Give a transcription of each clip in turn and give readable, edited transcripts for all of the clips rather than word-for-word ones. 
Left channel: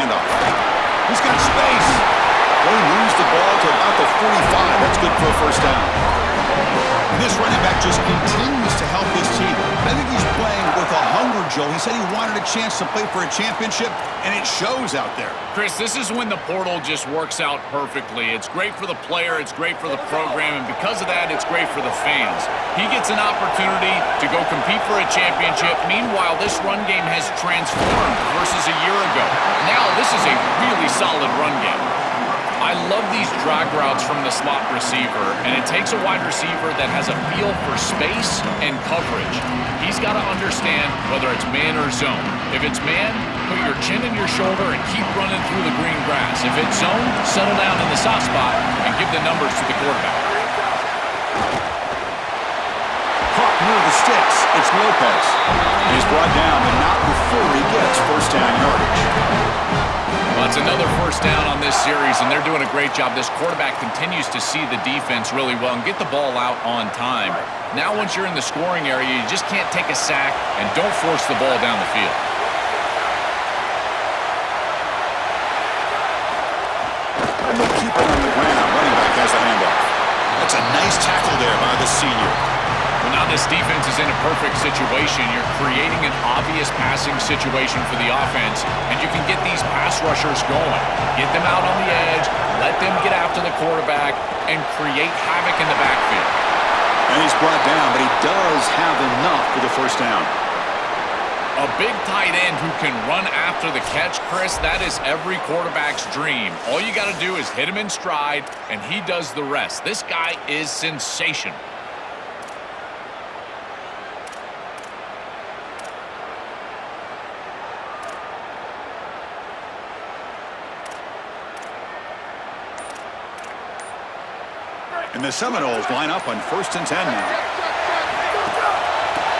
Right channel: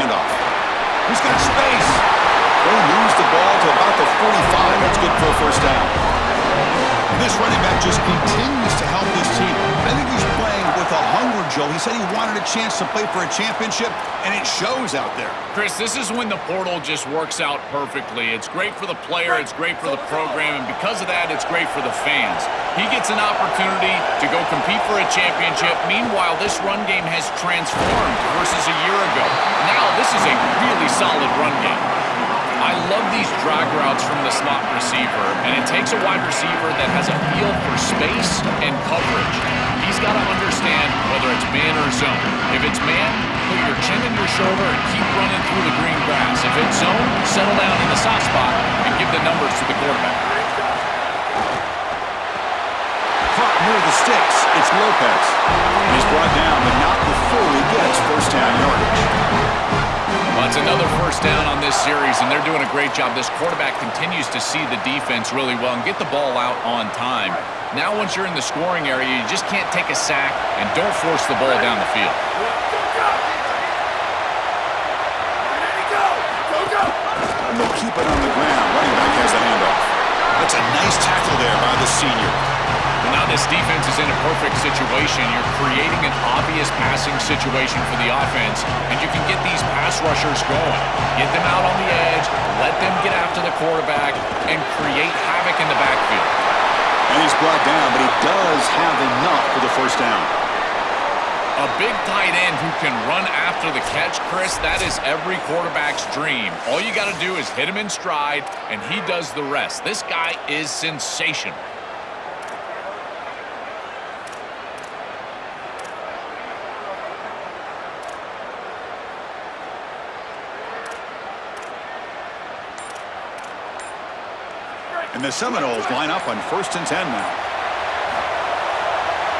handoff. He's got space. They moves the ball to about the 45. That's good for a first down. This running back just continues to help this team. I think he's playing with a hunger, Joe. He said he wanted a chance to play for a championship, and it shows out there. Chris, this is when the portal just works out perfectly. It's great for the player, it's great for the program, and because of that, it's great for the fans. He gets an opportunity to go compete for a championship. Meanwhile, this run game has transformed versus a year ago. Now, this is a really solid run game. I love these drag routes from the slot receiver, and it takes a wide receiver that has a feel for space and coverage. He's got to understand whether it's man or zone. If it's man, put your chin in your shoulder and keep running through the green grass. If it's zone, settle down in the soft spot and give the numbers to the quarterback. Caught near the sticks. It's Lopez. He's brought down, but not before he gets first down yardage. Well, it's another first down on this series, and they're doing a great job. This quarterback continues to see the defense really well and get the ball out on time. Now, once you're in the scoring area, you just can't take a sack and don't force the ball down the field. And they'll keep it on the ground. Running back has the handoff. That's a nice tackle there by the senior. Well, now this defense is in a perfect situation. You're creating an obvious passing situation for the offense, and you can get these pass rushers going. Get them out on the edge, let them get after the quarterback, and create havoc in the backfield. And he's brought down, but he does have enough for the first down. A big tight end who can run after the catch, Chris, that is every quarterback's dream. All you got to do is hit him in stride, and he does the rest. This guy is sensational. And the Seminoles line up on 1st and 10 now.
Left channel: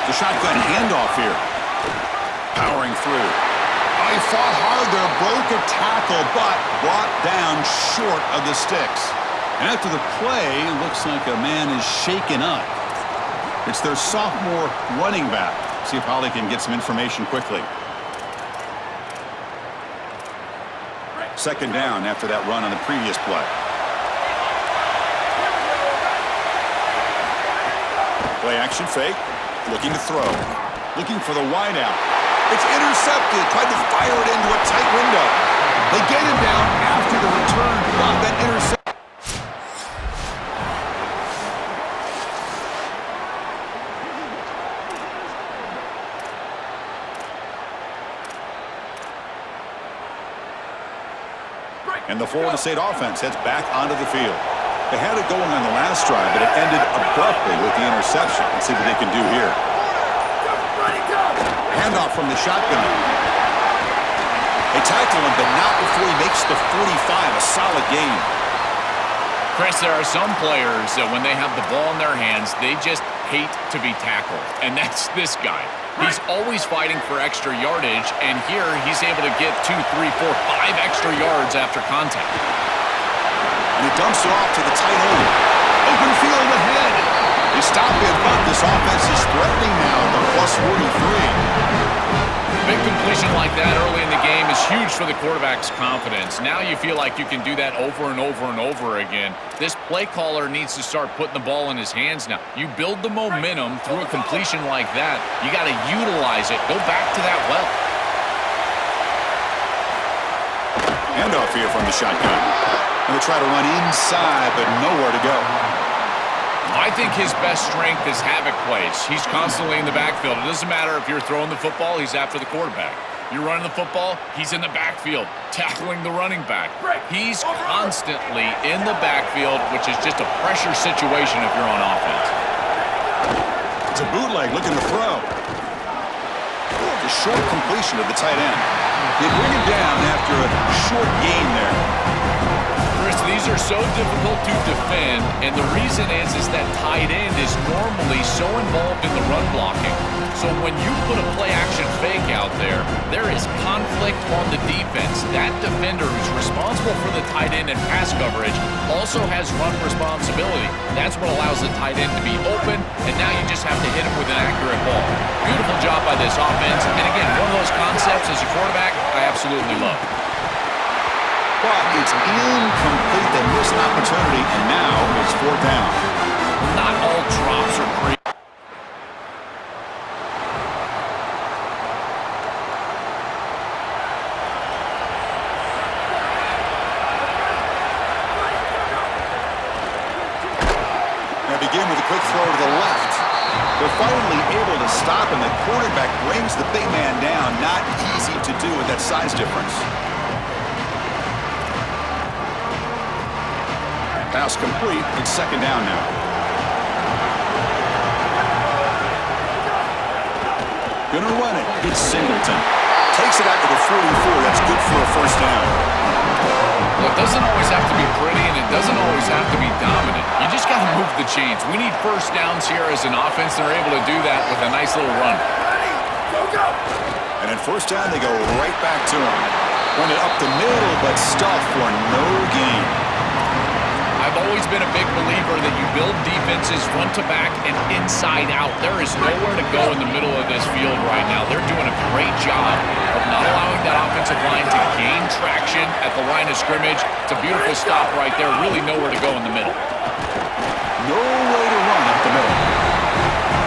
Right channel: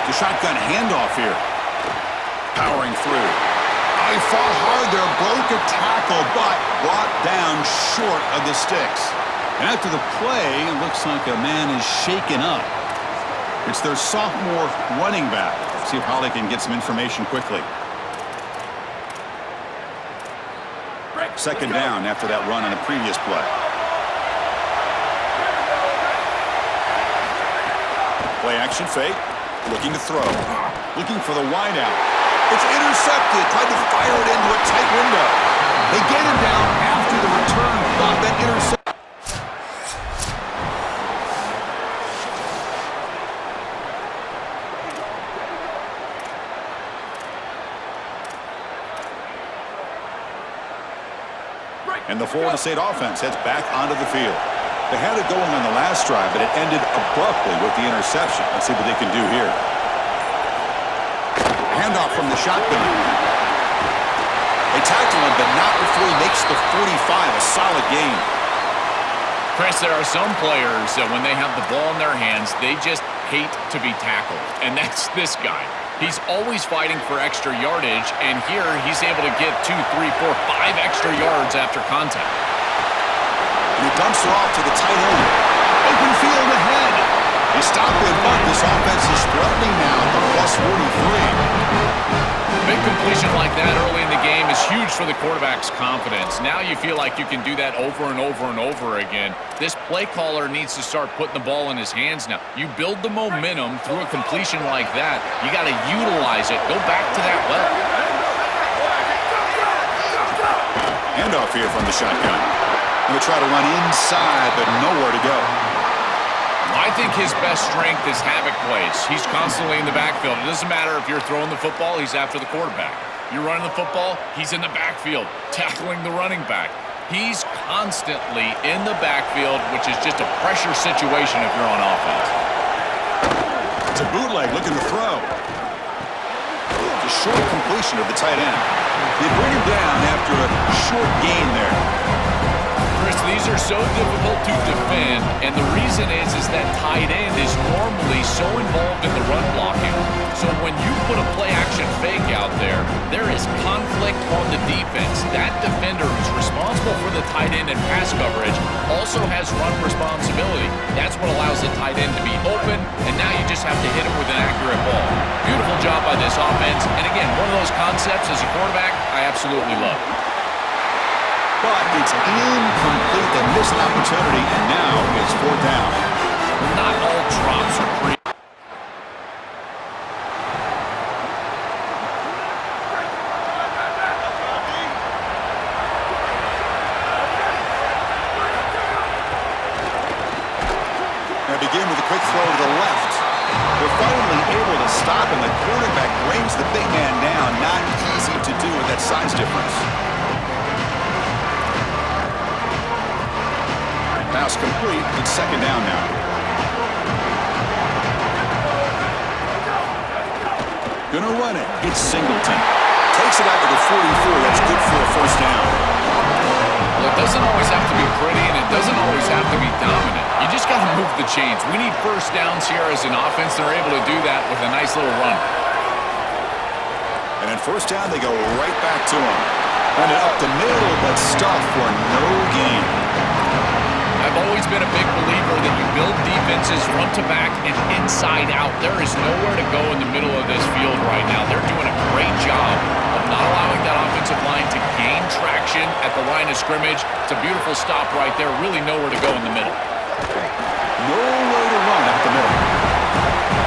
The shotgun handoff here. Powering through. Oh, he fought hard there, broke a tackle, but brought down short of the sticks. And after the play, it looks like a man is shaken up. It's their sophomore running back. See if Holly can get some information quickly. Second down after that run on the previous play. Play action fake, looking to throw, looking for the wide out. It's intercepted, tried to fire it into a tight window. They get him down after the return, but that interception. And the Florida State offense heads back onto the field. They had it going on the last drive, but it ended abruptly with the interception. Let's see what they can do here. Handoff from the shotgun. They tackle him, but not before he makes the 45. A solid gain. Chris, there are some players that when they have the ball in their hands, they just hate to be tackled. And that's this guy. He's always fighting for extra yardage, and here he's able to get 2, 3, 4, 5 extra yards after contact. And he dumps it off to the tight end. Open field ahead. They stop him, but this offense is threatening now at the plus 43. Big completion like that early in the game is huge for the quarterback's confidence. Now you feel like you can do that over and over and over again. This play caller needs to start putting the ball in his hands now. You build the momentum through a completion like that. You got to utilize it. Go back to that well. Handoff here from the shotgun. And they try to run inside, but nowhere to go. I think his best strength is havoc plays. He's constantly in the backfield. It doesn't matter if you're throwing the football, he's after the quarterback. You're running the football, he's in the backfield, tackling the running back. He's constantly in the backfield, which is just a pressure situation if you're on offense. It's a bootleg looking to throw. It's a short completion of the tight end. They bring him down after a short gain there. Chris, these are so difficult to defend, and the reason is that tight end is normally so involved in the run blocking. So when you put a play-action fake out there, there is conflict on the defense. That defender who's responsible for the tight end and pass coverage also has run responsibility. That's what allows the tight end to be open, and now you just have to hit him with an accurate ball. Beautiful job by this offense, and again, one of those concepts as a quarterback I absolutely love. but it's incomplete. They miss an opportunity, and now it's 4th down. Not all drops are created. Begin with a quick throw to the left. They're finally able to stop him. The quarterback brings the big man down. Not easy to do with that size difference. Pass complete. It's 2nd down now. Gonna run it. It's Singleton. Takes it out to the 44. That's good for a 1st down. Well, it doesn't always have to be pretty, and it doesn't always have to be dominant. You just got to move the chains. We need 1st downs here as an offense. They're able to do that with a nice little run. And at 1st down, they go right back to him. Run it up the middle, but stuff for no gain. I've always been a big believer that you build defenses front to back and inside out. There is nowhere to go in the middle of this field right now. They're doing a great job of not allowing that offensive line to gain traction at the line of scrimmage. It's a beautiful stop right there. Really nowhere to go in the middle. No way to run up the middle.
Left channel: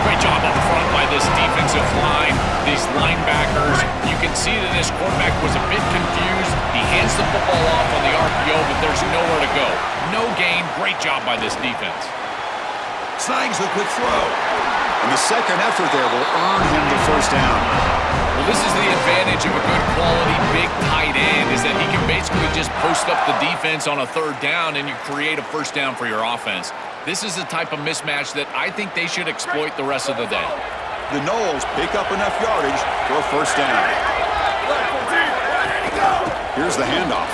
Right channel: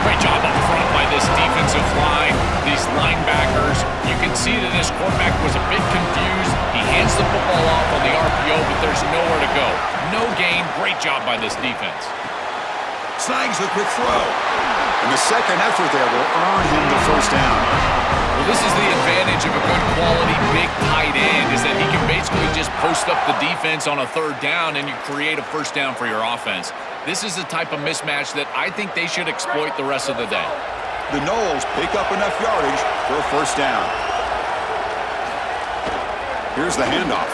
Great job up front by this defensive line, these linebackers. You can see that this quarterback was a bit confused. He hands the football off on the RPO, but there's nowhere to go. No gain. Great job by this defense. Snags the quick throw. And the second effort there will earn him the 1st down. Well, this is the advantage of a good quality big tight end, is that he can basically just post up the defense on a 3rd down and you create a 1st down for your offense. This is the type of mismatch that I think they should exploit the rest of the day. The Noles pick up enough yardage for a 1st down. Here's the handoff.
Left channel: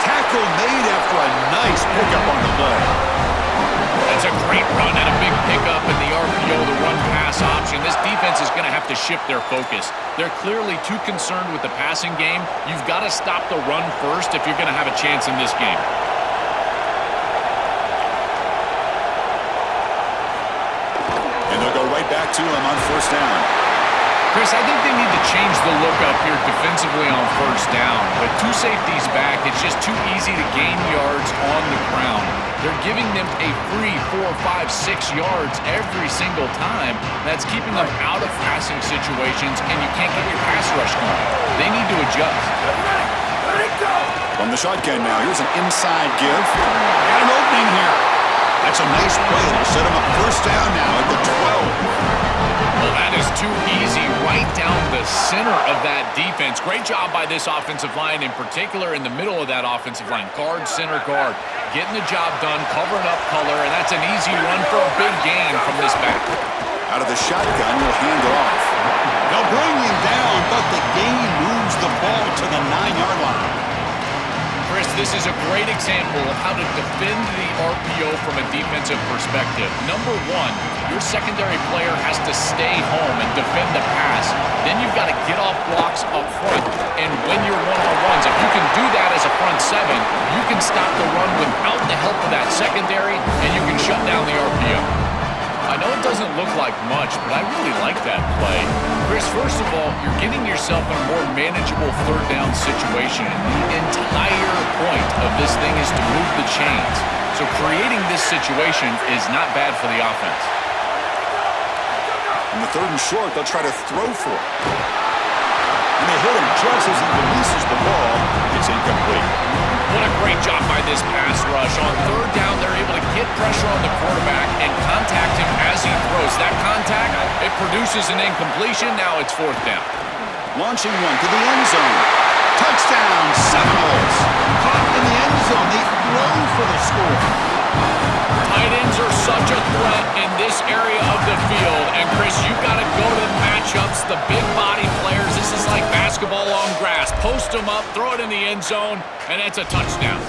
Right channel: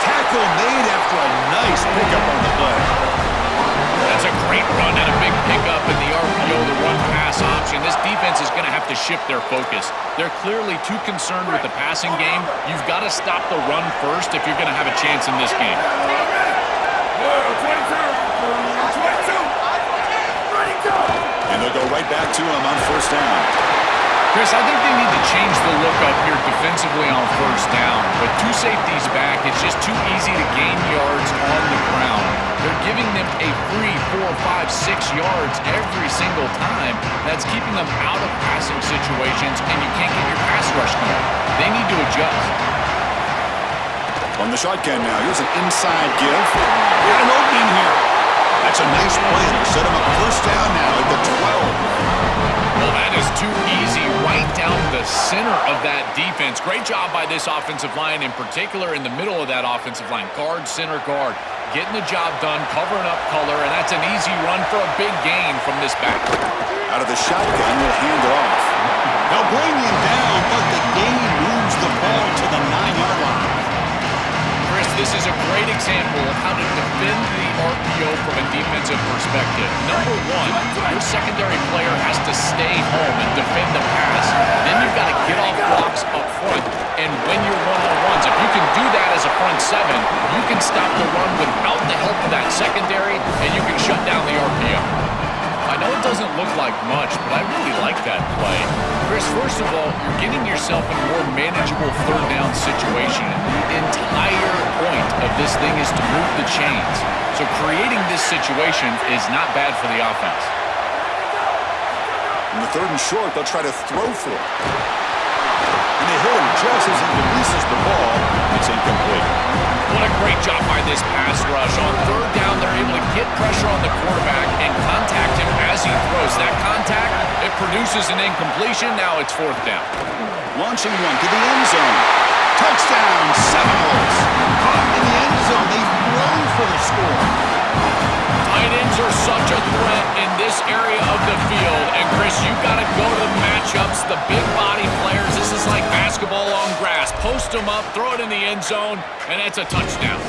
Tackle made after a nice pickup on the play. That's a great run and a big pickup in the RPO, the run-pass option. This defense is going to have to shift their focus. They're clearly too concerned with the passing game. You've got to stop the run first if you're going to have a chance in this game. And they'll go right back to him on 1st down. Chris, I think they need to change the look up here defensively on 1st down. With 2 safeties back, it's just too easy to gain yards on the ground. They're giving them a free 4, 5, 6 yards every single time. That's keeping them out of passing situations, and you can't get your pass rush going. They need to adjust. From the shotgun now, here's an inside give. Got an opening here. That's a nice play. It'll set him up 1st down now at the 12. Well, that is too easy right down the center of that defense. Great job by this offensive line, in particular in the middle of that offensive line. Guard, center guard, getting the job done, covering up color, and that's an easy run for a big gain from this back. Out of the shotgun, will hand it off. They'll bring him down, but the gain moves the ball to the 9-yard line. Chris, this is a great example of how to defend the RPO from a defensive perspective. Number 1, your secondary player has to stay home and defend the pass. Then you've got to get off blocks up front. And when you're one-on-ones, if you can do that as a front 7, you can stop the run without the help of that secondary, and you can shut down the RPO. I know it doesn't look like much, but I really like that play. Chris, first of all, you're getting yourself in a more manageable 3rd down situation. The entire point of this thing is to move the chains. So creating this situation is not bad for the offense. In the 3rd and short, they'll try to throw for it. And they hit him just as he releases the ball. It's incomplete. What a great job by this pass rush. On 3rd down, they're able to get pressure on the quarterback and contact him as he throws. That contact, it produces an incompletion. Now it's 4th down. Launching one to the end zone. Touchdown, Seminoles. Caught in the end zone. They throw for the score. Tight ends are such a threat in this area of the field. And, Chris, you've got to go to the matchups, the big body players. This is like basketball on grass. Post them up, throw it in the end zone, and it's a touchdown.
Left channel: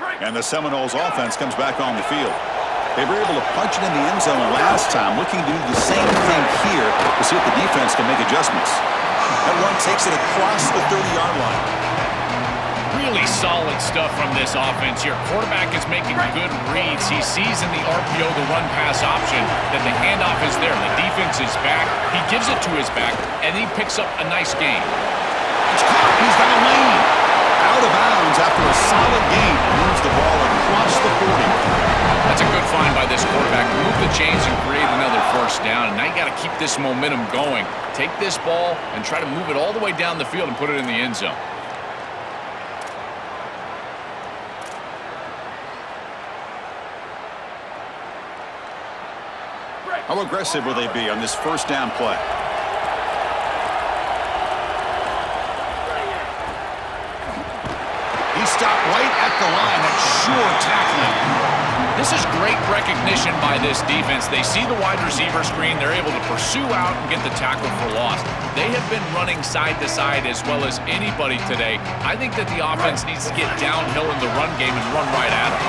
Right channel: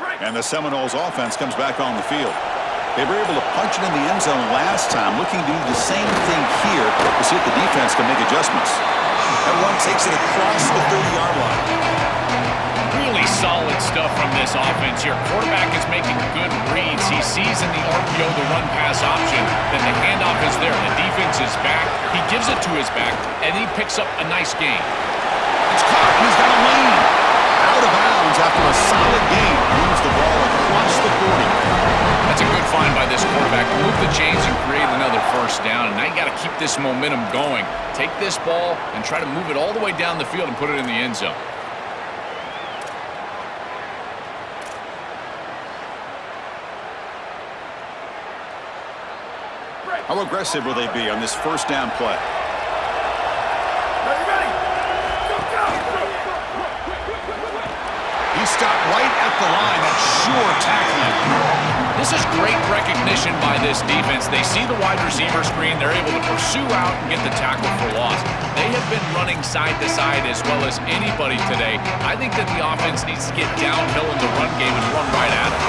And the Seminoles offense comes back on the field. They were able to punch it in the end zone last time, looking to do the same thing here to see if the defense can make adjustments. That one takes it across the 30-yard line. Really solid stuff from this offense here. Quarterback is making good reads. He sees in the RPO the run-pass option that the handoff is there. The defense is back. He gives it to his back, and he picks up a nice gain. It's caught, and he's got a lane. Out of bounds after a solid gain. Moves the ball across the 40. That's a good find by this quarterback to move the chains and create another first down. And now you got to keep this momentum going. Take this ball and try to move it all the way down the field and put it in the end zone. How aggressive will they be on this first down play? He stopped right at the line. That's sure tackling. This is great recognition by this defense. They see the wide receiver screen. They're able to pursue out and get the tackle for loss. They have been running side to side as well as anybody today. I think that the offense needs to get downhill in the run game and run right at them.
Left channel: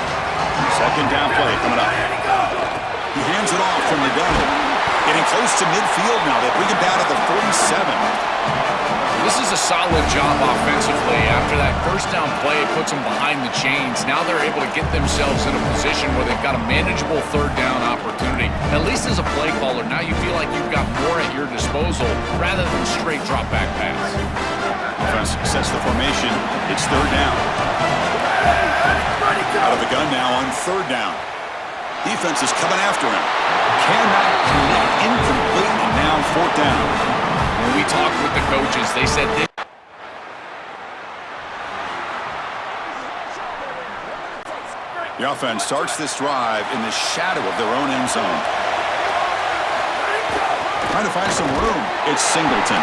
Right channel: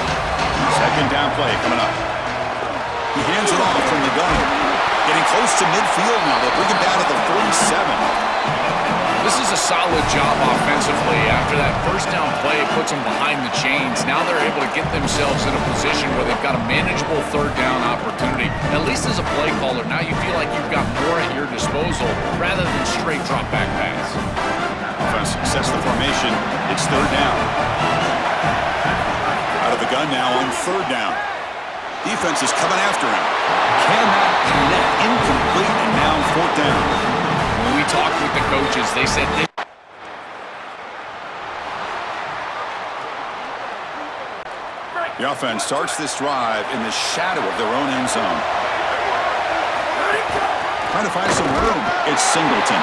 Second down play coming up. He hands it off from the gun. Getting close to midfield now. They bring him down at the 47. This is a solid job offensively. After that first down play, it puts them behind the chains. Now they're able to get themselves in a position where they've got a manageable third down opportunity. At least as a play caller, now you feel like you've got more at your disposal rather than straight drop back pass. Offense sets the formation. It's third down. Out of the gun now on third down. Defense is coming after him. Cannot connect. Incomplete, and now fourth down. When we talked with the coaches, they said this. The offense starts this drive in the shadow of their own end zone. Trying to find some room. It's Singleton.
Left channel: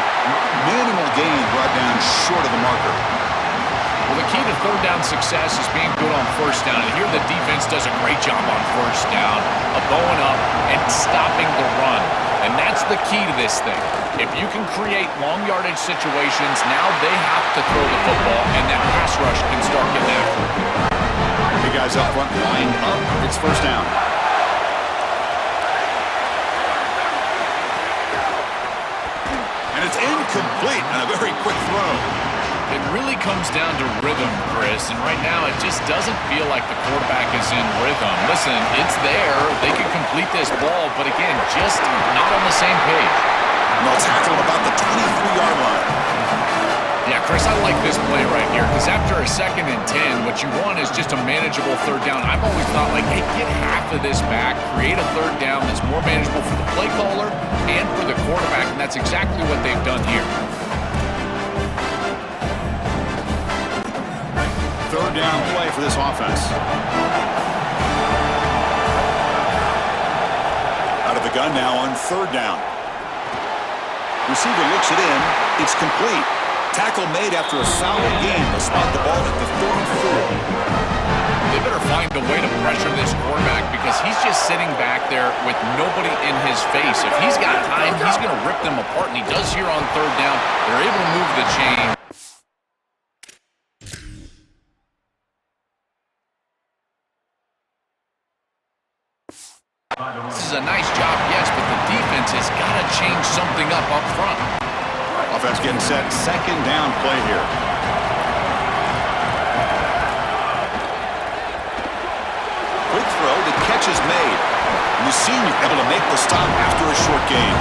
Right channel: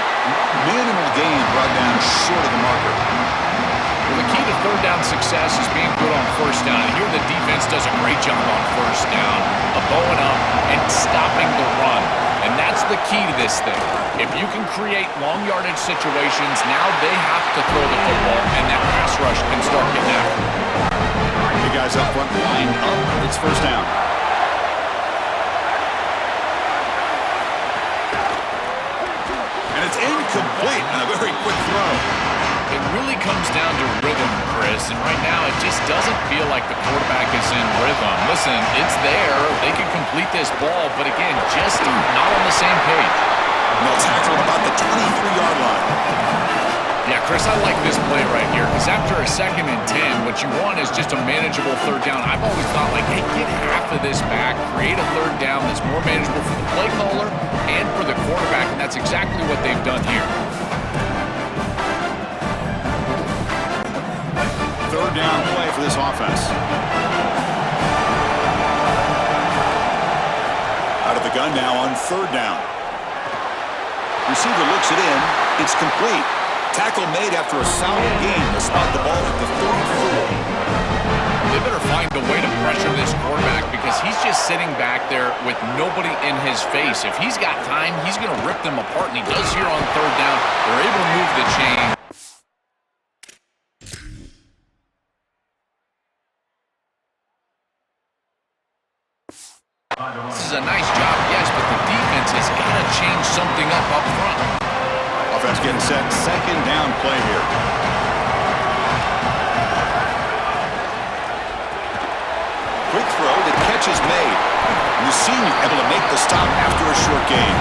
Minimal gain brought down short of the marker. Well, the key to third down success is being good on first down. And here the defense does a great job on first down of bowing up and stopping the run. And that's the key to this thing. If you can create long yardage situations, now they have to throw the football, and that pass rush can start getting after it. The guys up front lined up. It's first down. And it's incomplete on a very quick throw. It really comes down to rhythm, Chris, and right now it just doesn't feel like the quarterback is in rhythm. Listen, it's there. They can complete this ball, but again, just not on the same page. And they'll tackle him about the 23-yard line. Yeah, Chris, I like this play right here because after a 2nd and 10, what you want is just a manageable third down. I've always thought, like, hey, get half of this back, create a third down that's more manageable for the play caller and for the quarterback, and that's exactly what they've done here. Third down play for this offense. Out of the gun now on third down. Receiver looks it in. It's complete. Tackle made after a solid gain. They'll spot the ball at the 34. They better find a way to pressure this quarterback because he's just sitting back there with nobody in his face. If he's got time, he's going to rip them apart, and he does here on third down. They're able to move the chain. This is a nice job, yes, but the defense has got to change something up front. Offense getting set. Second down play here. Quick throw. The catch is made. And the senior able to make the stop after a short gain.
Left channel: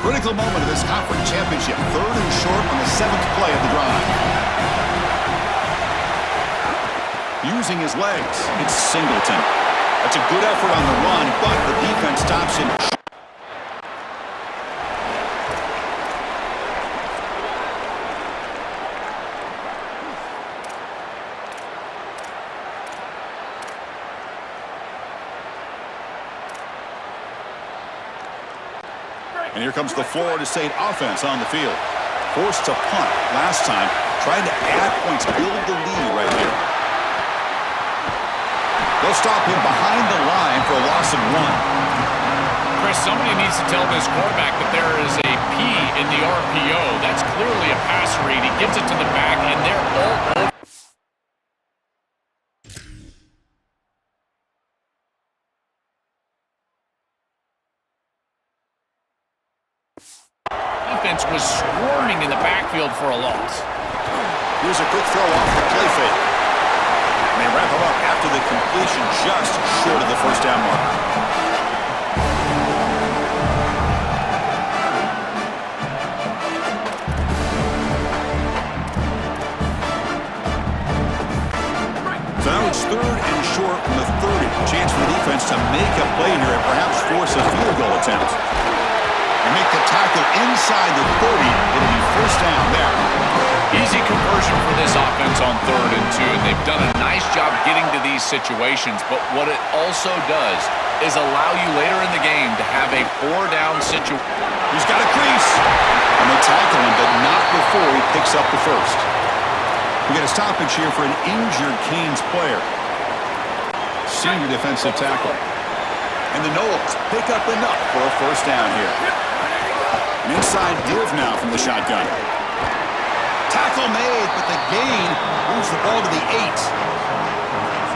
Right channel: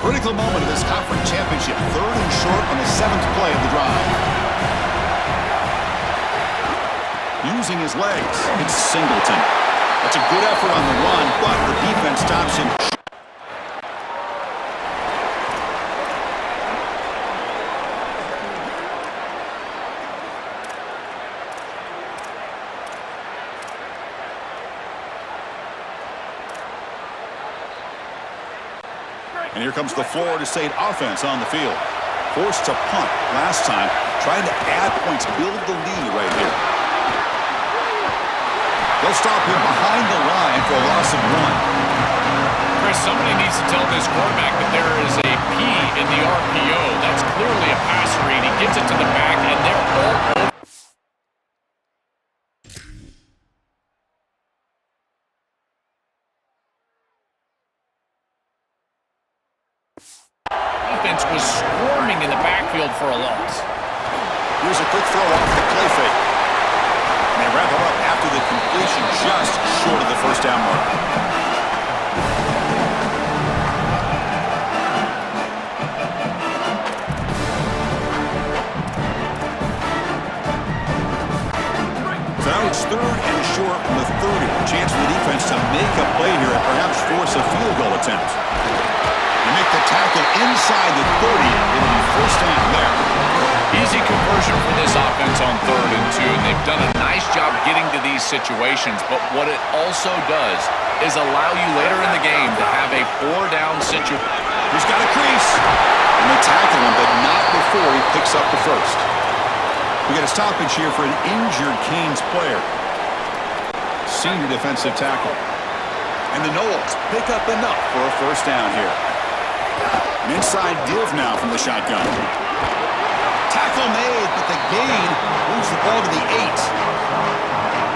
Critical moment of this conference championship. Third and short on the 7th play of the drive. Using his legs, it's Singleton. That's a good effort on the run, but the defense stops him. And here comes the Florida State offense on the field. Forced to punt last time, trying to add points, build the lead right here. They'll stop him behind the line for a loss of 1. Chris, somebody needs to tell this quarterback that there is a P in the RPO. That's clearly a pass read. He gets it to the back, and they're all over. Defense was swarming in the backfield for a loss. Here's a quick throw off the play fake. And they wrap him up after the completion just short of the first down mark. So now it's 3rd and short from the 30. Chance for the defense to make a play here and perhaps force a field goal attempt. They make the tackle inside the 30. It'll be first down there. Easy conversion for this offense on 3rd and 2, and they've done a nice job getting to these situations, but what it also does is allow you later in the game to have a 4-down situation. He's got a crease. And they tackle him, but not before he picks up the first. We get a stoppage here for an injured Canes player. Senior defensive tackle. And the Noles pick up enough for a first down here. An inside give now from the shotgun. Tackle made, but the gain moves the ball to the 8.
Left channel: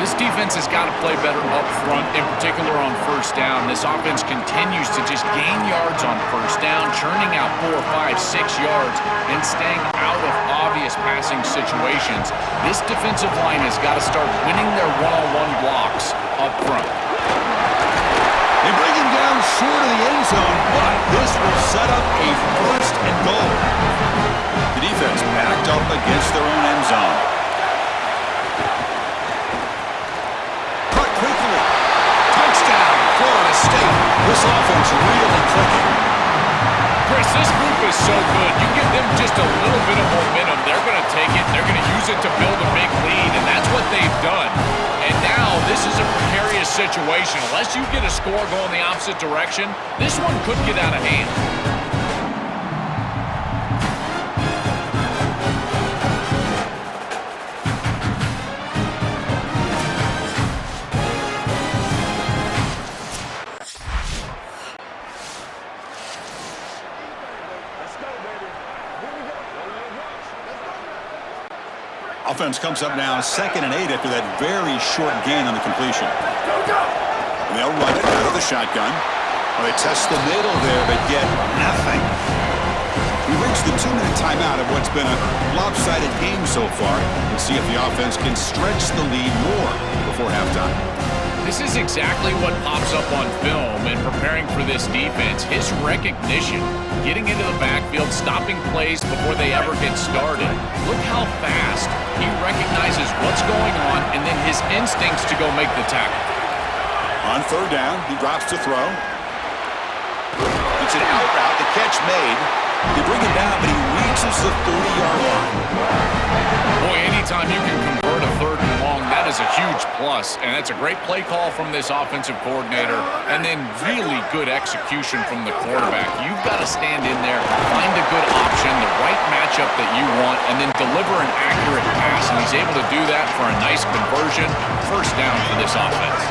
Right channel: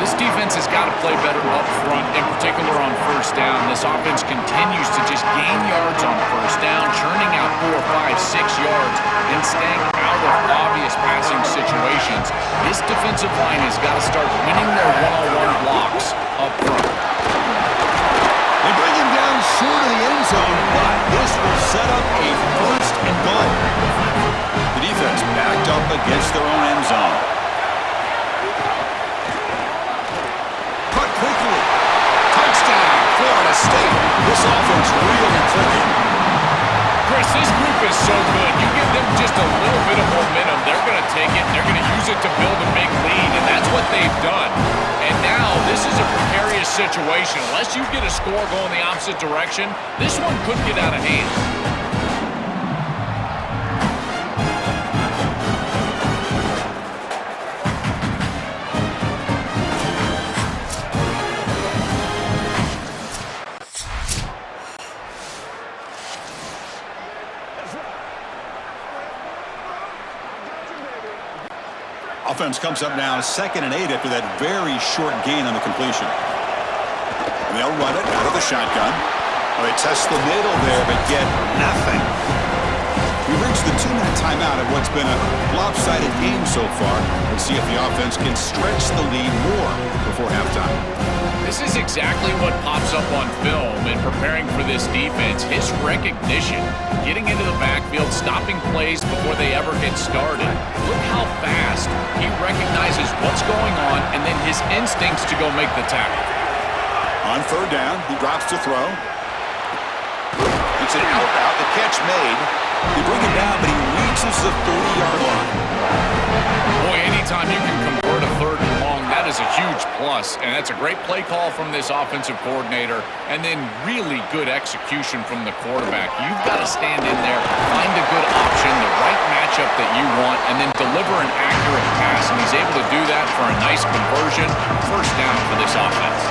This defense has got to play better up front, in particular on first down. This offense continues to just gain yards on first down, churning out 4, 5, 6 yards, and staying out of obvious passing situations. This defensive line has got to start winning their one-on-one blocks up front. They bring him down short of the end zone, but this will set up a first and goal. The defense backed up against their own end zone. Cut quickly. Touchdown, Florida State. This offense really clicking. Chris, this group is so good. You give them just a little bit of momentum, they're going to take it, and they're going to use it to build a big lead, and that's what they've done. And now this is a precarious situation. Unless you get a score going the opposite direction, this one could get out of hand. Offense comes up now 2nd and 8 after that very short gain on the completion. And they'll run it out of the shotgun. Well, they test the middle there, but get nothing. We've reached the 2-minute timeout of what's been a lopsided game so far. Let's see if the offense can stretch the lead more before halftime. This is exactly what pops up on film in preparing for this defense. His recognition, getting into the backfield, stopping plays before they ever get started. Look how fast he recognizes what's going on and then his instincts to go make the tackle. On 3rd down, he drops to throw. It's an out route, the catch made. They bring him down, but he reaches the 30-yard line. Boy, anytime you can convert a 3rd and long, that is a huge plus. And that's a great play call from this offensive coordinator. And then really good execution from the quarterback. You've got to stand in there, find a good option, the right matchup that you want, and then deliver an accurate pass. And he's able to do that for a nice conversion. First down for this offense.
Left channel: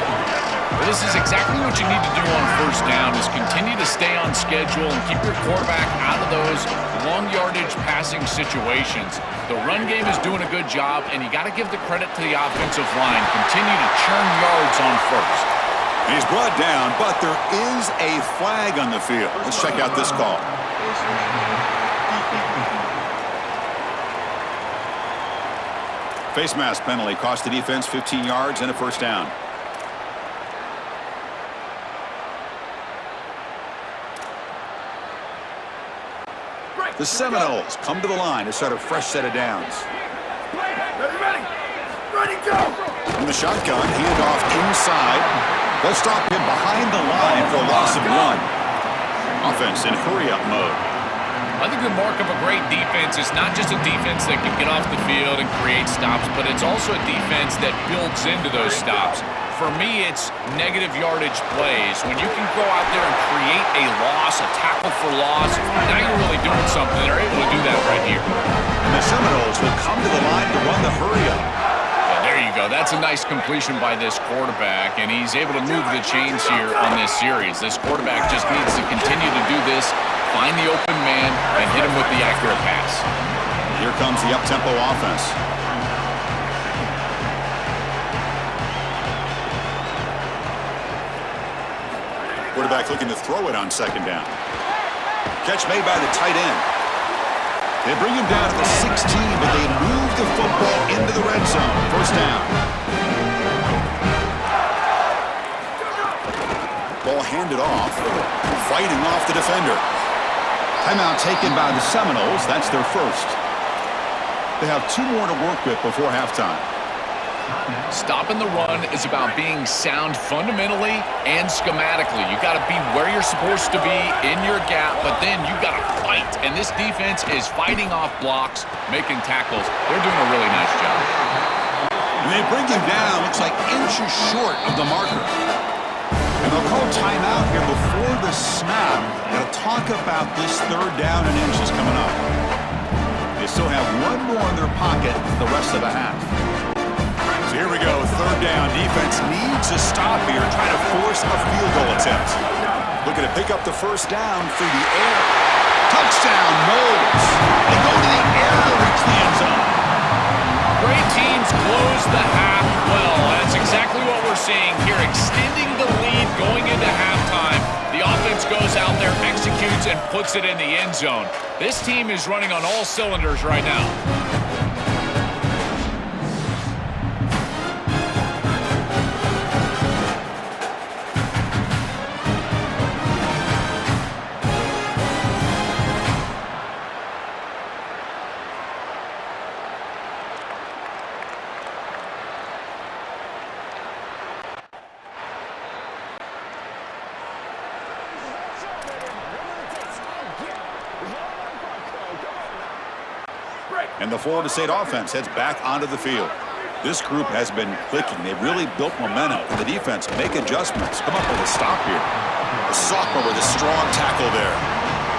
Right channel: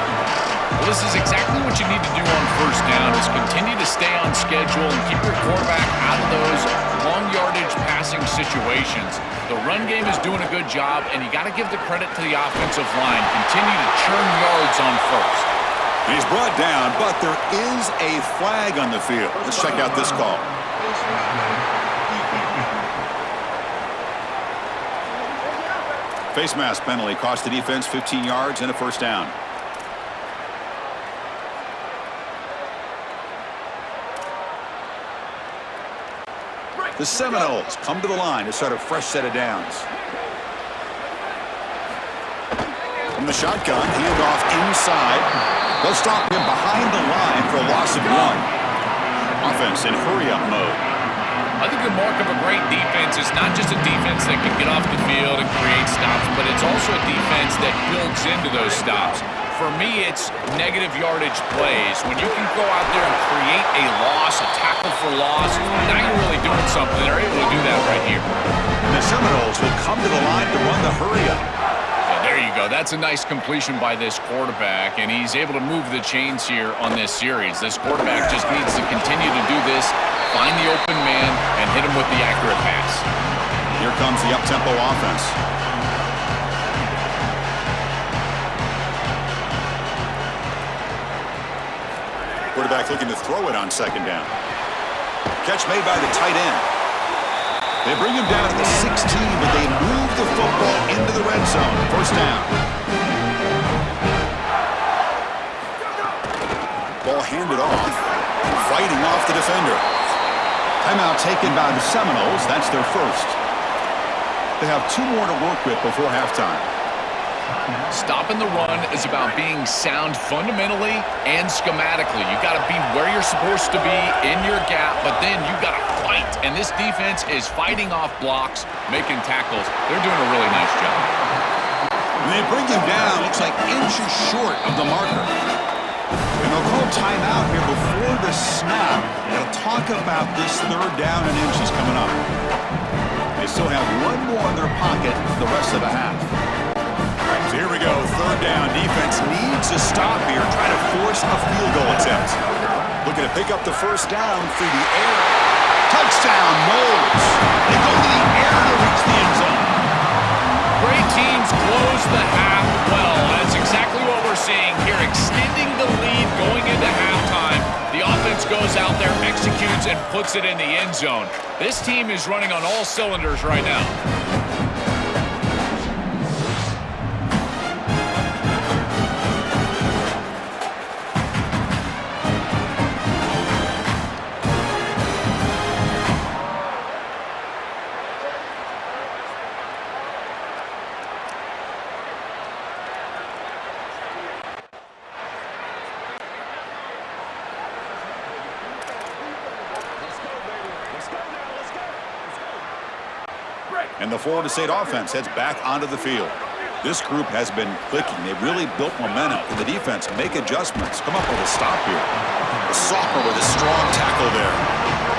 Well, this is exactly what you need to do on first down is continue to stay on schedule and keep your quarterback out of those long yardage passing situations. The run game is doing a good job, and you got to give the credit to the offensive line. Continue to churn yards on first. And he's brought down, but there is a flag on the field. Let's check out this call. Face mask penalty cost the defense 15 yards and a first down. The Seminoles come to the line to start a fresh set of downs. From the shotgun, handoff inside. They'll stop him behind the line for a loss of 1. Offense in hurry-up mode. I think the mark of a great defense is not just a defense that can get off the field and create stops, but it's also a defense that builds into those stops. For me, it's negative yardage plays. When you can go out there and create a loss, a tackle for loss, now you're really doing something. They're able to do that right here. And the Seminoles will come to the line to run the hurry-up. Yeah, there you go. go. That's a nice completion by this quarterback, and he's able to move the chains here on this series. This quarterback just needs to continue to do this, find the open man, and hit him with the accurate pass. Here comes the up-tempo offense. Quarterback looking to throw it on second down. Catch made by the tight end. They bring him down to the 16, but they move the football into the red zone. First down. Ball handed off. Fighting off the defender. Timeout taken by the Seminoles. That's their first. They have 2 more to work with before halftime. Stopping the run is about being sound fundamentally and schematically. You got to be where you're supposed to be in your gap, but then you got to fight. And this defense is fighting off blocks, making tackles. They're doing a really nice job. And they bring him down, looks like inches short of the marker. And they'll call timeout here before the snap. They'll talk about this third down and inches coming up. They still have 1 more in their pocket for the rest of the half. So here we go, third down. Defense needs a stop here, trying to force a field goal attempt. Looking to pick up the first down through the air. Touchdown, Noles. They go to the air to reach the end zone. Great teams close the half well. That's exactly what we're seeing here, extending the lead going into halftime. The offense goes out there, executes, and puts it in the end zone. This team is running on all cylinders right now. And the Florida State offense heads back onto the field. This group has been clicking. They've really built momentum. And the defense make adjustments. Come up with a stop here. The sophomore with a strong tackle there.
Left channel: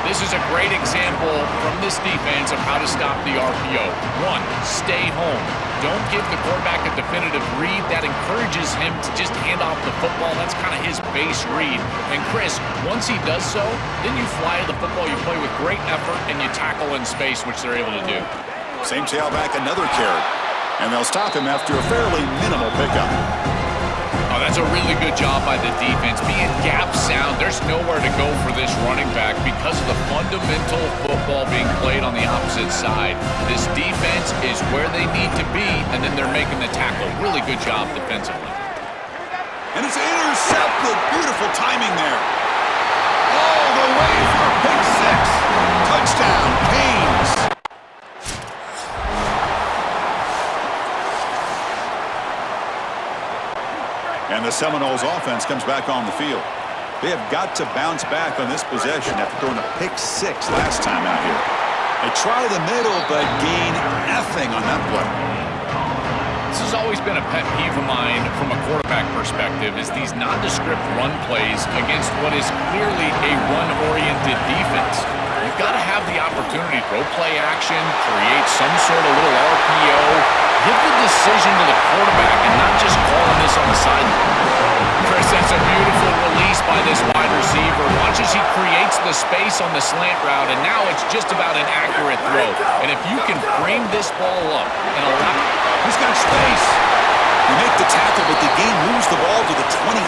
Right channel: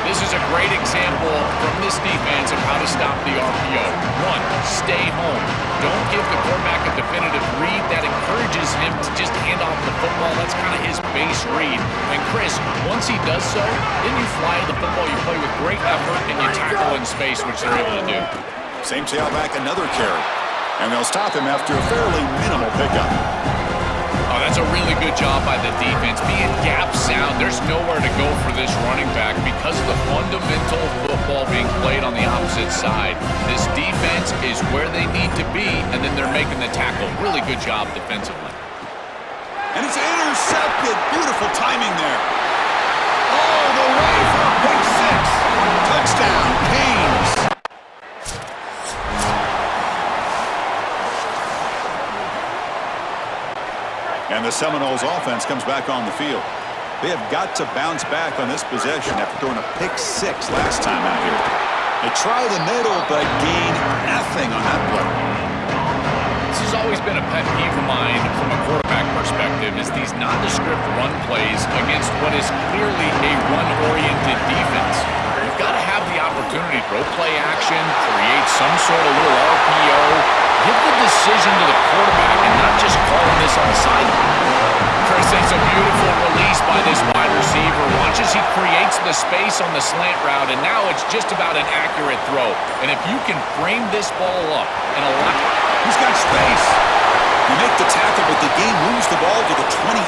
This is a great example from this defense of how to stop the RPO. 1, stay home. Don't give the quarterback a definitive read. That encourages him to just hand off the football. That's kind of his base read. And Chris, once he does so, then you fly to the football. You play with great effort, and you tackle in space, which they're able to do. Same tailback, another carry. And they'll stop him after a fairly minimal pickup. Oh, that's a really good job by the defense. Being gap sound, there's nowhere to go for this running back because of the fundamental football being played on the opposite side. This defense is where they need to be, and then they're making the tackle. Really good job defensively. And it's intercepted. Beautiful timing there. All the way for a pick 6. Touchdown, Canes. And the Seminoles offense comes back on the field. They have got to bounce back on this possession after throwing a pick 6 last time out here. They try the middle, but gain nothing on that play. This has always been a pet peeve of mine from a quarterback perspective, is these nondescript run plays against what is clearly a run-oriented defense. You've got to have the opportunity to throw play action, create some sort of little RPO, give the decision to the quarterback and not just calling this on the sideline. Chris, that's a beautiful release by this wide receiver. Watch as he creates the space on the slant route, and now it's just about an accurate throw. And if you can frame this ball up and allow... He's got space. They make the tackle, but the game moves the ball to the 28.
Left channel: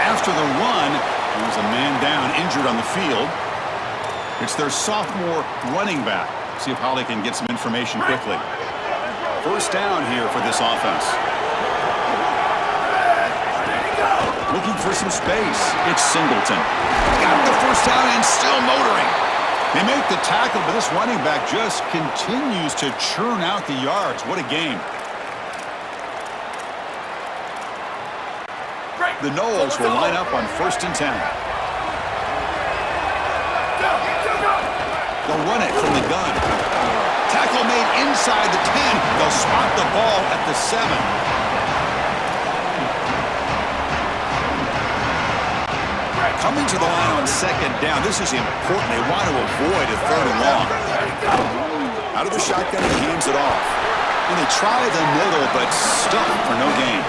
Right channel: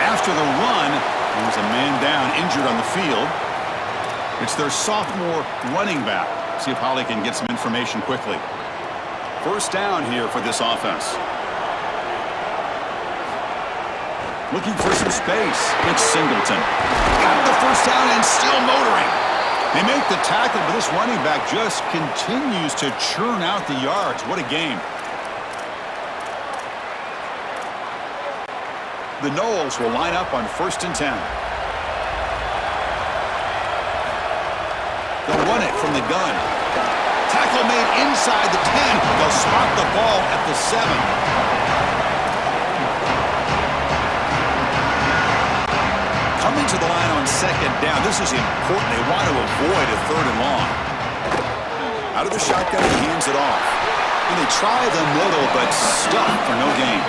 After the run, there was a man down, injured on the field. It's their sophomore running back. See if Holly can get some information quickly. First down here for this offense. Looking for some space. It's Singleton. Got the first down and still motoring. They make the tackle, but this running back just continues to churn out the yards. What a game. The Noles will line up on 1st and 10. They'll run it from the gun. Tackle made inside the 10. They'll spot the ball at the 7. Coming to the line on 2nd down. This is important. They want to avoid a 3rd and long. Out of the shotgun, he hands it off. And they try the middle, but stuck for no gain.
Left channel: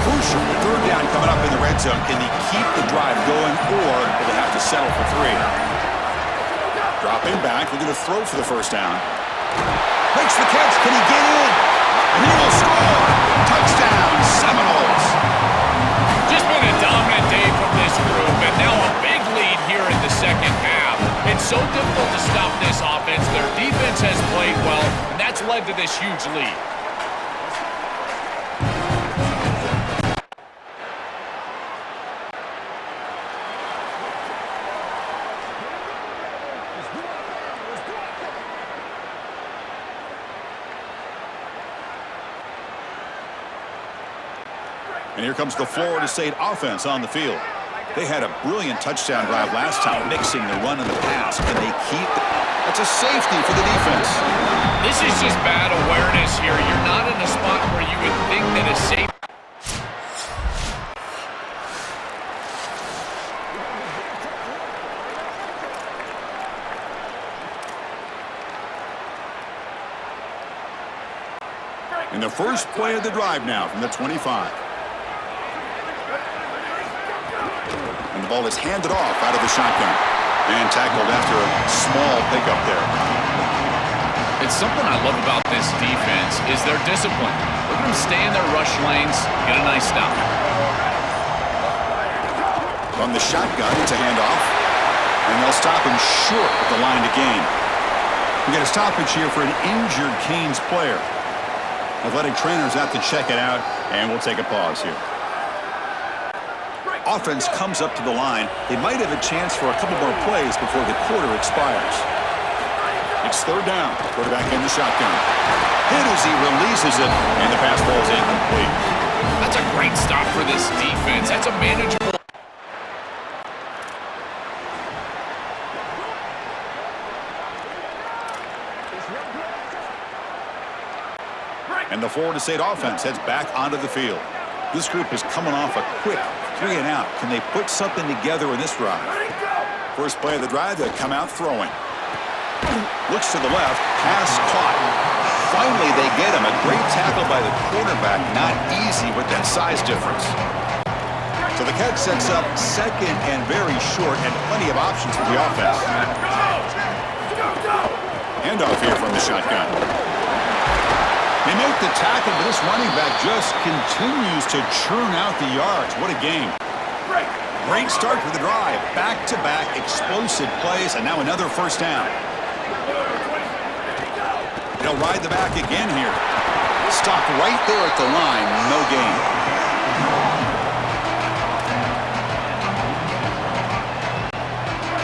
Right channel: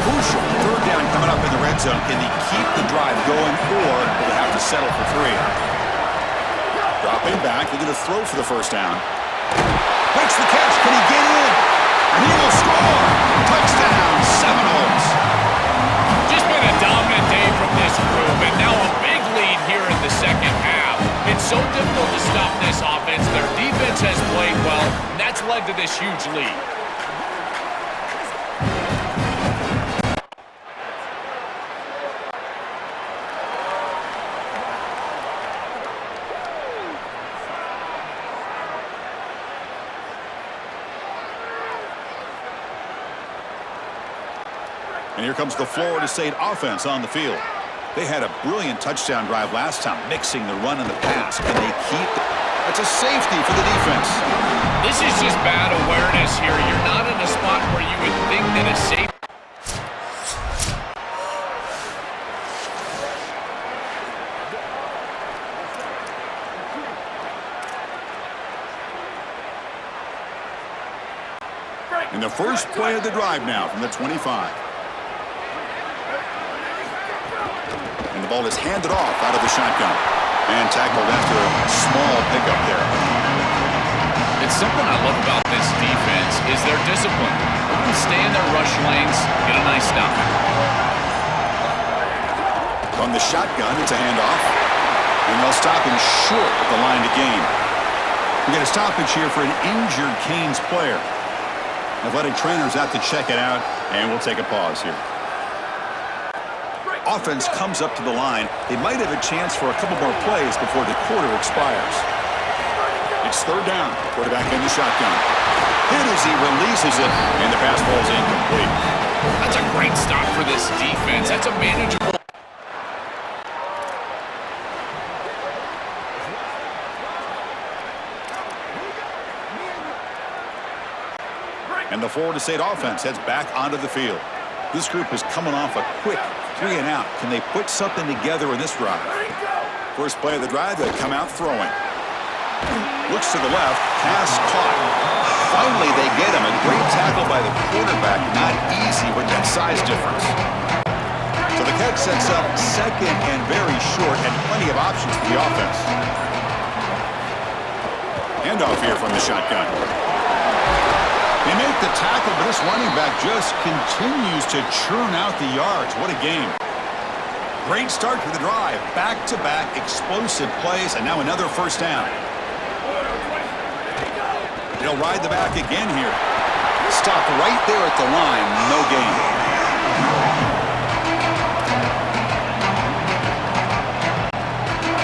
Crucial third down coming up in the red zone. Can they keep the drive going, or will they have to settle for 3? Dropping back, looking to throw for the first down. Makes the catch. Can he get in? And he will score. Touchdown, Seminoles. Just been a dominant day from this group, and now a big lead here in the second half. It's so difficult to stop this offense. Their defense has played well, and that's led to this huge lead. And here comes the Florida State offense on the field. They had a brilliant touchdown drive last time, mixing the run and the pass. Can they keep it? That's a safety for the defense. This is just bad awareness here. You're not in a spot where you would think that a safety. And the first play of the drive now from the 25. And the ball is handed off out of the shotgun. And tackled after a small pickup there. It's something I love about this defense is their discipline. Let them stay in their rush lanes, get a nice stop. From the shotgun, it's a handoff. And they'll stop him short at the line to gain. We get a stoppage here for an injured Canes player. Athletic trainers out to check it out, and we'll take a pause here. Offense comes up to the line. They might have a chance for a couple more plays before the quarter expires. It's third down. Quarterback in the shotgun. Hit as he releases it, and the pass ball is incomplete. That's a great stop for this defense. That's a manageable. And the Florida State offense heads back onto the field. This group is coming off a quick 3 and out. Can they put something together in this drive? First play of the drive, they come out throwing. Looks to the left, pass caught. Finally, they get him. A great tackle by the quarterback. Not easy with that size difference. So the catch sets up second and very short, and plenty of options for the offense. Handoff here from the shotgun. They make the tackle, but this running back just continues to churn out the yards. What a game. Great start to the drive. Back-to-back explosive plays, and now another first down. They'll ride the back again here. Stop right there at the line. No gain.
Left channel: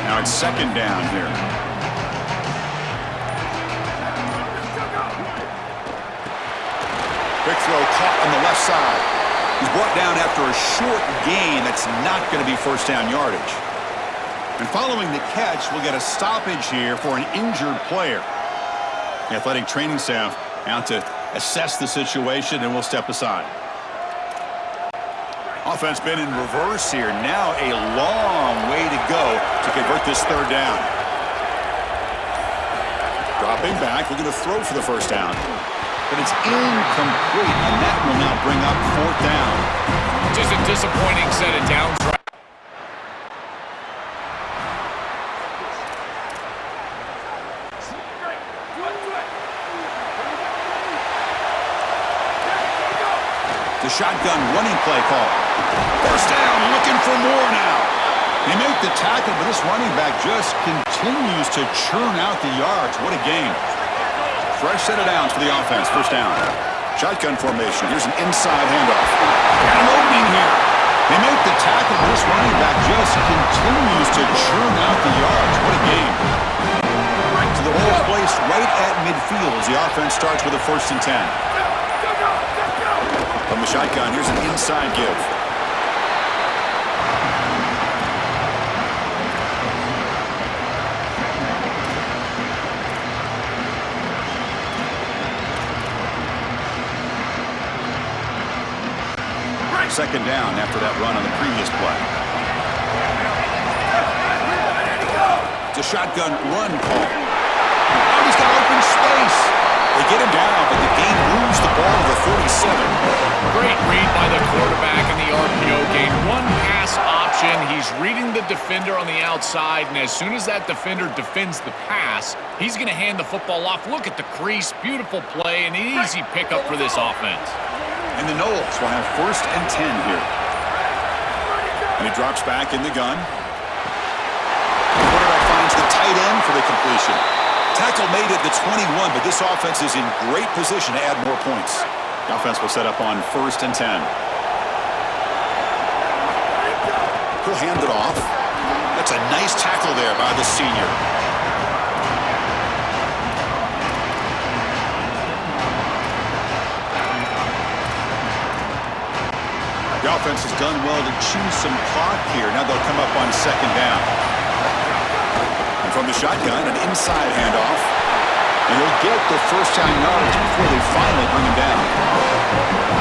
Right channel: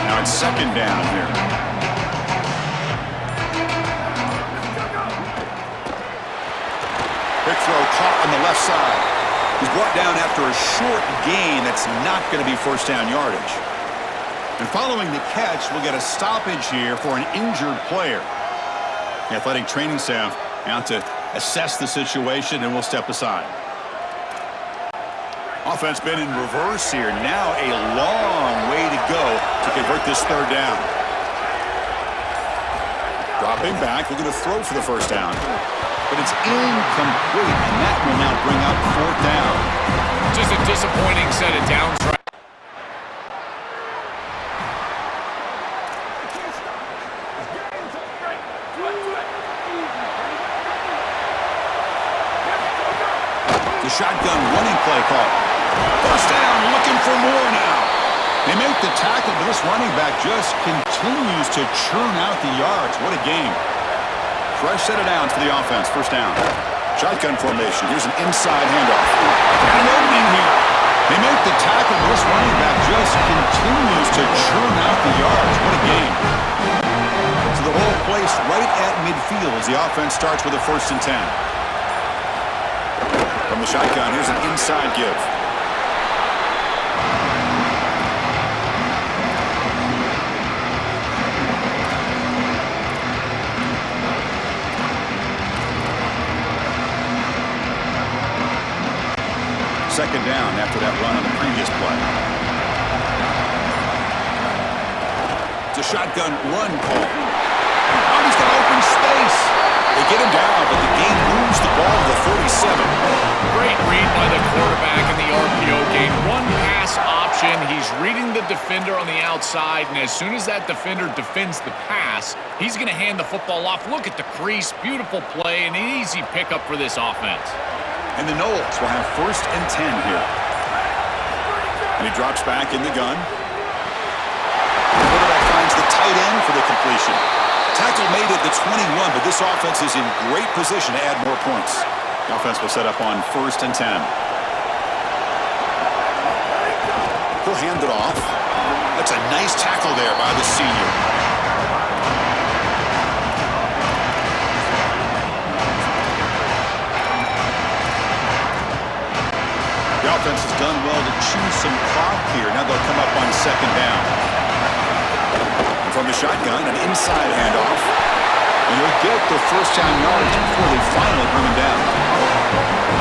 Now it's second down here. Quick throw caught on the left side. He's brought down after a short gain. That's not going to be first down yardage. And following the catch, we'll get a stoppage here for an injured player. The athletic training staff out to assess the situation, and we'll step aside. Offense been in reverse here. Now a long way to go to convert this third down. Dropping back, looking to throw for the first down. But it's incomplete, and that will now bring up fourth down. Just a disappointing set of downs. The shotgun running play call. First down, looking for more now. They make the tackle, but this running back just continues to churn out the yards. What a game. Fresh set of downs for the offense. First down. Shotgun formation. Here's an inside handoff. Got an opening here. They make the tackle, but this running back just continues to churn out the yards. What a game. So the ball placed right at midfield as the offense starts with a 1st and 10. From the shotgun, here's an inside give. Second down after that run on the previous play. It's a shotgun run call. Oh, he's got open space. They get him down, but the gain moves the ball to the 37. Great read by the quarterback in the RPO gain. One pass option. He's reading the defender on the outside, and as soon as that defender defends the pass, he's going to hand the football off. Look at the crease. Beautiful play, and an easy pickup for this offense. And the Knowles will have 1st and 10 here. And he drops back in the gun. The quarterback finds the tight end for the completion. Tackle made at the 21, but this offense is in great position to add more points. The offense will set up on 1st and 10. He'll hand it off. That's a nice tackle there by the senior. The offense has done well to choose some clock here. Now they'll come up on 2nd down. And from the shotgun, an inside handoff. And he'll get the 1st down yards before they finally bring him down.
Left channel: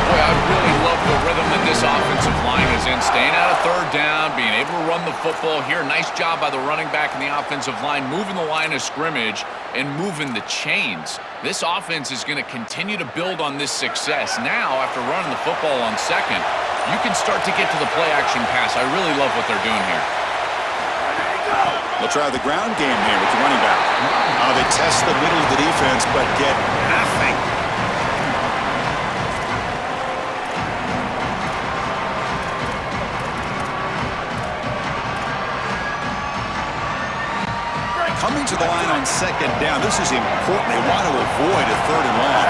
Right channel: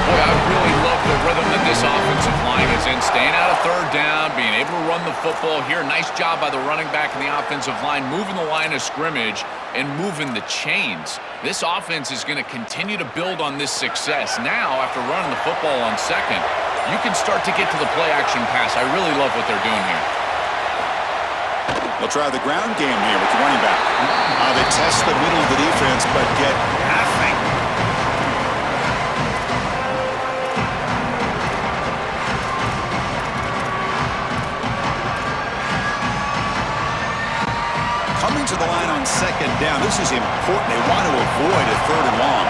Boy, I really love the rhythm that this offensive line is in. Staying out of 3rd down, being able to run the football here. Nice job by the running back and the offensive line, moving the line of scrimmage and moving the chains. This offense is going to continue to build on this success. Now, after running the football on 2nd, you can start to get to the play-action pass. I really love what they're doing here. They'll try the ground game here with the running back. They test the middle of the defense, but get nothing. Coming to the line on 2nd down. This is important. They want to avoid a 3rd and long.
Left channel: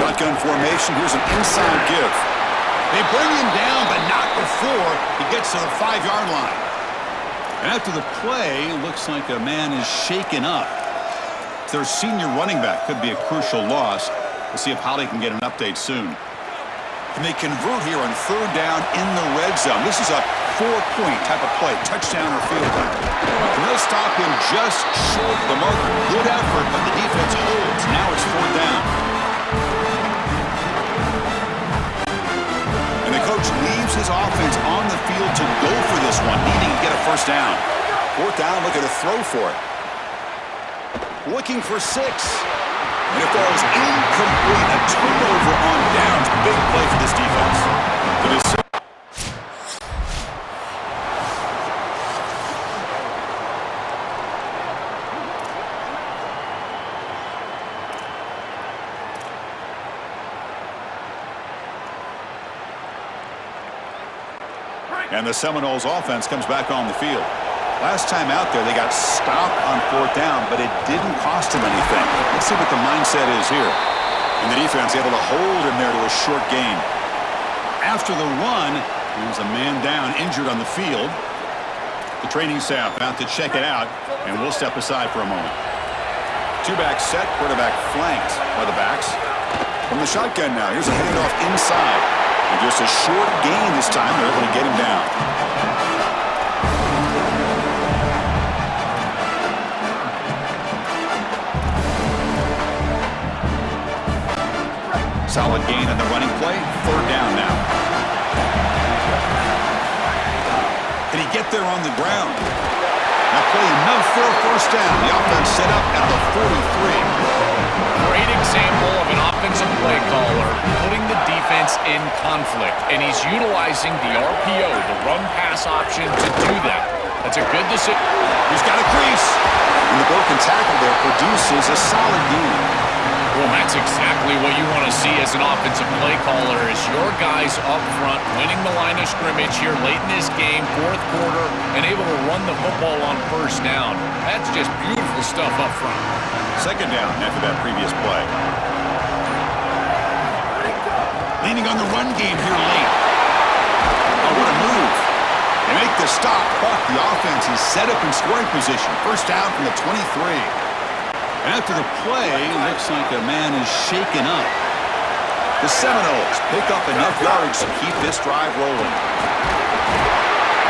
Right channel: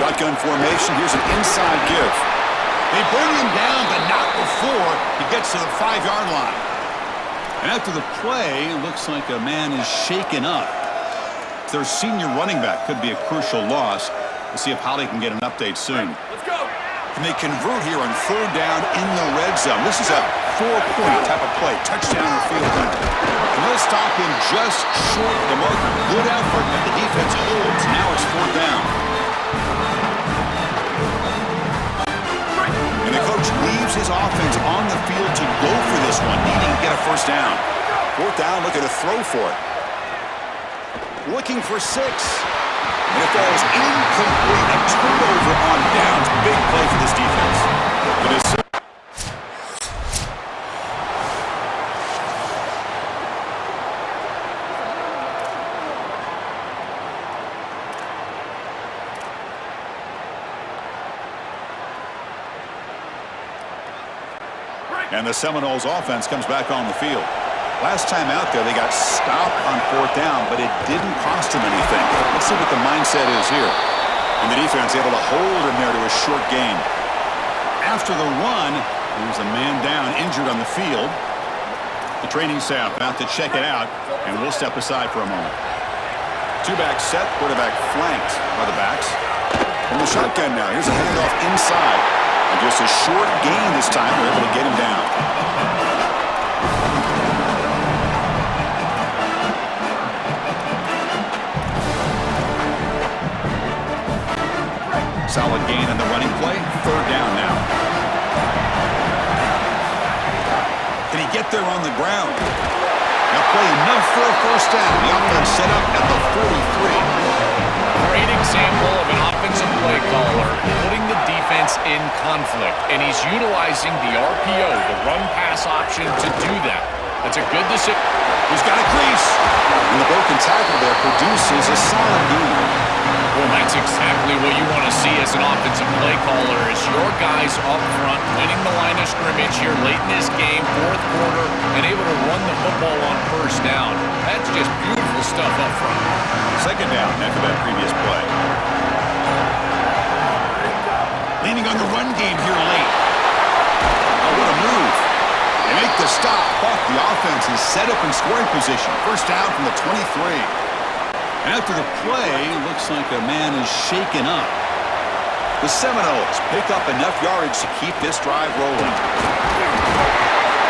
Shotgun formation. Here's an inside give. They bring him down, but not before he gets to the 5-yard line. And after the play, it looks like a man is shaken up. Their senior running back could be a crucial loss. We'll see if Holly can get an update soon. Can they convert here on 3rd down in the red zone? This is a 4-point type of play, touchdown or field goal. And they'll stop him just short of the marker. Good effort, but the defense holds. Now it's 4th down. And the coach leaves his offense on the field to go for this one, needing to get a 1st down. 4th down, look at a throw for it. Looking for 6. And it falls incomplete. A turnover on downs. Big play for this defense. It is. And the Seminoles offense comes back on the field. Last time out there, they got stopped on 4th down, but it didn't cost them anything. Let's see what the mindset is here. And the defense able to hold him there to a short gain. After the run, there's a man down, injured on the field. The training staff out to check it out, and we'll step aside for a moment. 2-back set, quarterback flanked by the backs. From the shotgun now, here's a handoff inside. And just a short gain this time, they're able to get him down. Solid gain on the running play. 3rd down now. Can he get there on the ground? Now play enough for a 1st down. The offense set up at the 43. Great example of an offensive play caller putting the defense in conflict, and he's utilizing the RPO, the run-pass option, to do that. That's a good decision. He's got a crease. And the broken tackle there produces a solid gain. Well, that's exactly what you want to see as an offensive play caller, is your guys up front winning the line of scrimmage here late in this game, 4th quarter, and able to run the football on 1st down. That's just beautiful stuff up front. 2nd down after that previous play. Leaning on the run game here late. Oh, what a move. They make the stop, but the offense is set up in scoring position. 1st down from the 23. After the play, looks like a man is shaken up. The Seminoles pick up enough yards to keep this drive rolling.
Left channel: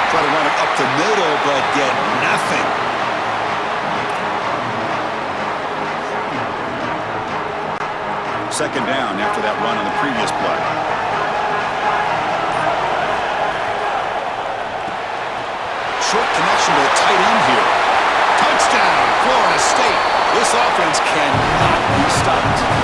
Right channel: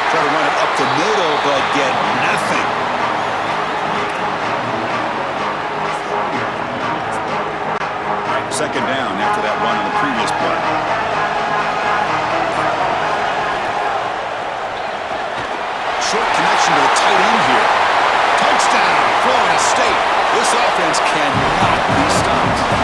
Try to run it up the middle, but get nothing. Second down after that run on the previous play. Short connection to the tight end here. Touchdown, Florida State. This offense cannot be stopped.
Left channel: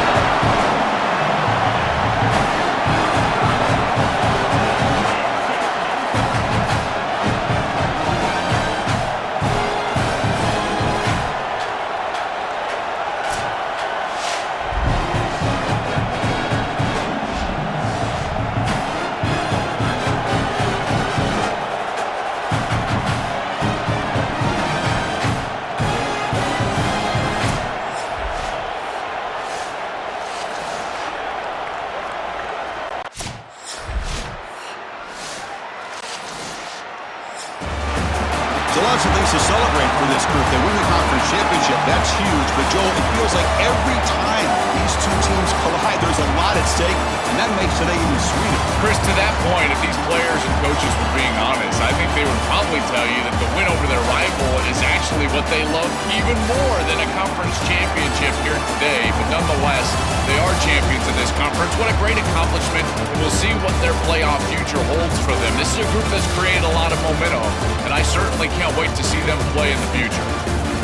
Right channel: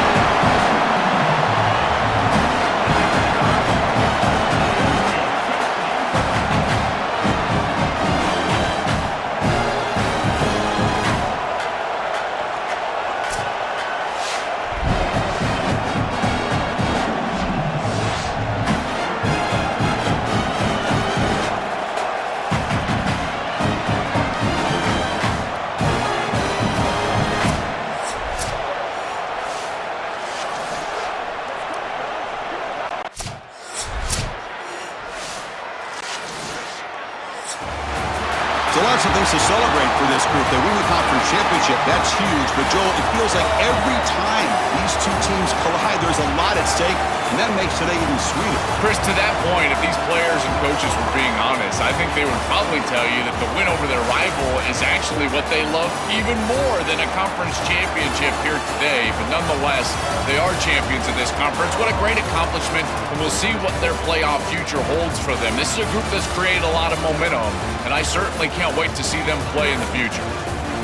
So lots of things to celebrate for this group. They win the conference championship. That's huge. But, Joel, it feels like every time these two teams collide, there's a lot at stake, and that makes today even sweeter. Chris, to that point, if these players and coaches were being honest, I think they would probably tell you that the win over their rival is actually what they love even more than a conference championship here today. But nonetheless, they are champions of this conference. What a great accomplishment, and we'll see what their playoff future holds for them. This is a group that's created a lot of momentum, and I certainly can't wait to see them play in the future.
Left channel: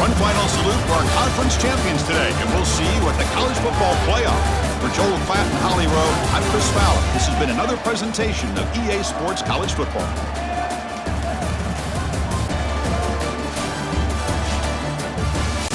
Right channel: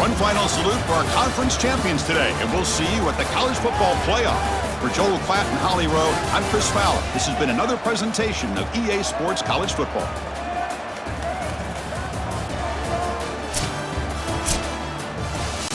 One final salute for our conference champions today, and we'll see you at the college football playoff. For Joel Klatt and Holly Rowe, I'm Chris Fowler. This has been another presentation of EA Sports College Football.